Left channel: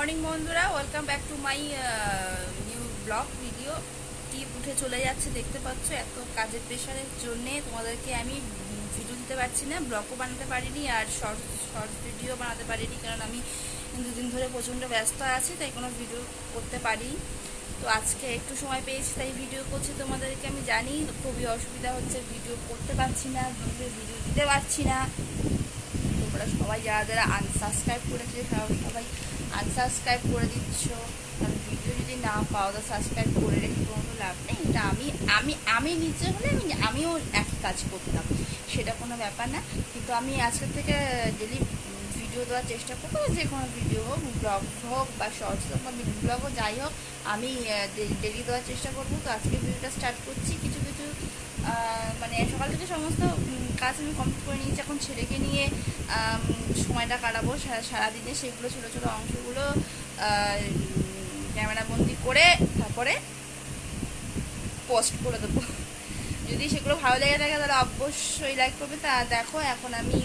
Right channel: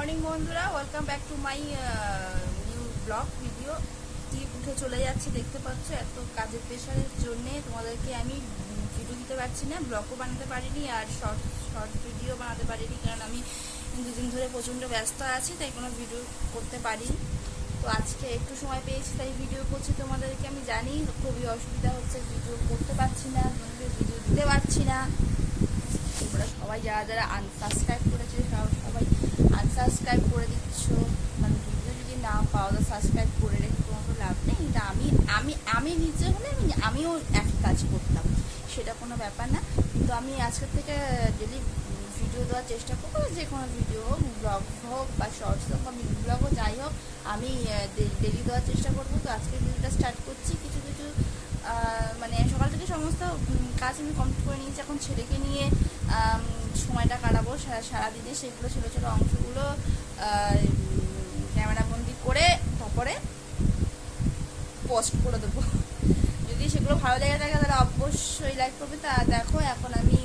Morning বন্ধুরা, welcome back to my new blog video. টিপ উঠে চলে যাচ্ছে, দেখতে পাচ্ছ। এত কাজের প্রেশারের জন্যে তোমাদেরকে আমি ভিডিও দিতে পারছি না, ব্লগও বানাতে পারিনি, আর শর্ট ভিডিও বানাতে পারিনি, কারণ আমি দুদিন ধরে প্রচণ্ড ব্যস্ত আছি, তাই কোনো ভিডিও করতে পারি। তো আজকে একটু সময় পেয়েছি, তাই ভিডিও করছি তোমাদেরকে। আমি জানি খুবই অসুবিধা হচ্ছে, ভিডিও করতে পারছি না, ভিডিও দিতে পারছি না। তোমরা সবাই যারা যারা আনসাবস্ক্রাইব করেছে সবাই আনসাবস্ক্রাইব করে দিচ্ছ, কারণ ভিডিও যদি না পাও তো সাবস্ক্রাইব করে রেখে কোনো লাভ নেই। এটা আমি আমি আমি নিজে হলে আমিও একই কাজ করতাম, সেটা কোনো ব্যাপার না। কিন্তু আমি আজকের থেকে ডেলি ভিডিও দেওয়ার চেষ্টা করবো, যে কোনো ভিডিও হোক, ব্লগ হোক বা শর্টস হোক বা মিনি ব্লগ হোক, যাই হোক আমি ডেলি দেওয়ার চেষ্টা করবো। তো আজকে ভিডিওটা স্টার্ট করছি। কিছু মানে সকাল থেকে সমস্ত কাজ আমি কমপ্লিট করে নিয়েছি। এখন ছেলেকে নিয়ে সময়টা কাটাবো সারাদিনে, সেগুলো ছোটো ছোটো অংশগুলো ক্যামেরা বন্দি করে তারপরে পোস্ট করে দেবো। যদি সেগুলো ভালো লেগে থাকে তাহলে অবশ্যই লাইক করবে। তা দেখো, এখন আমি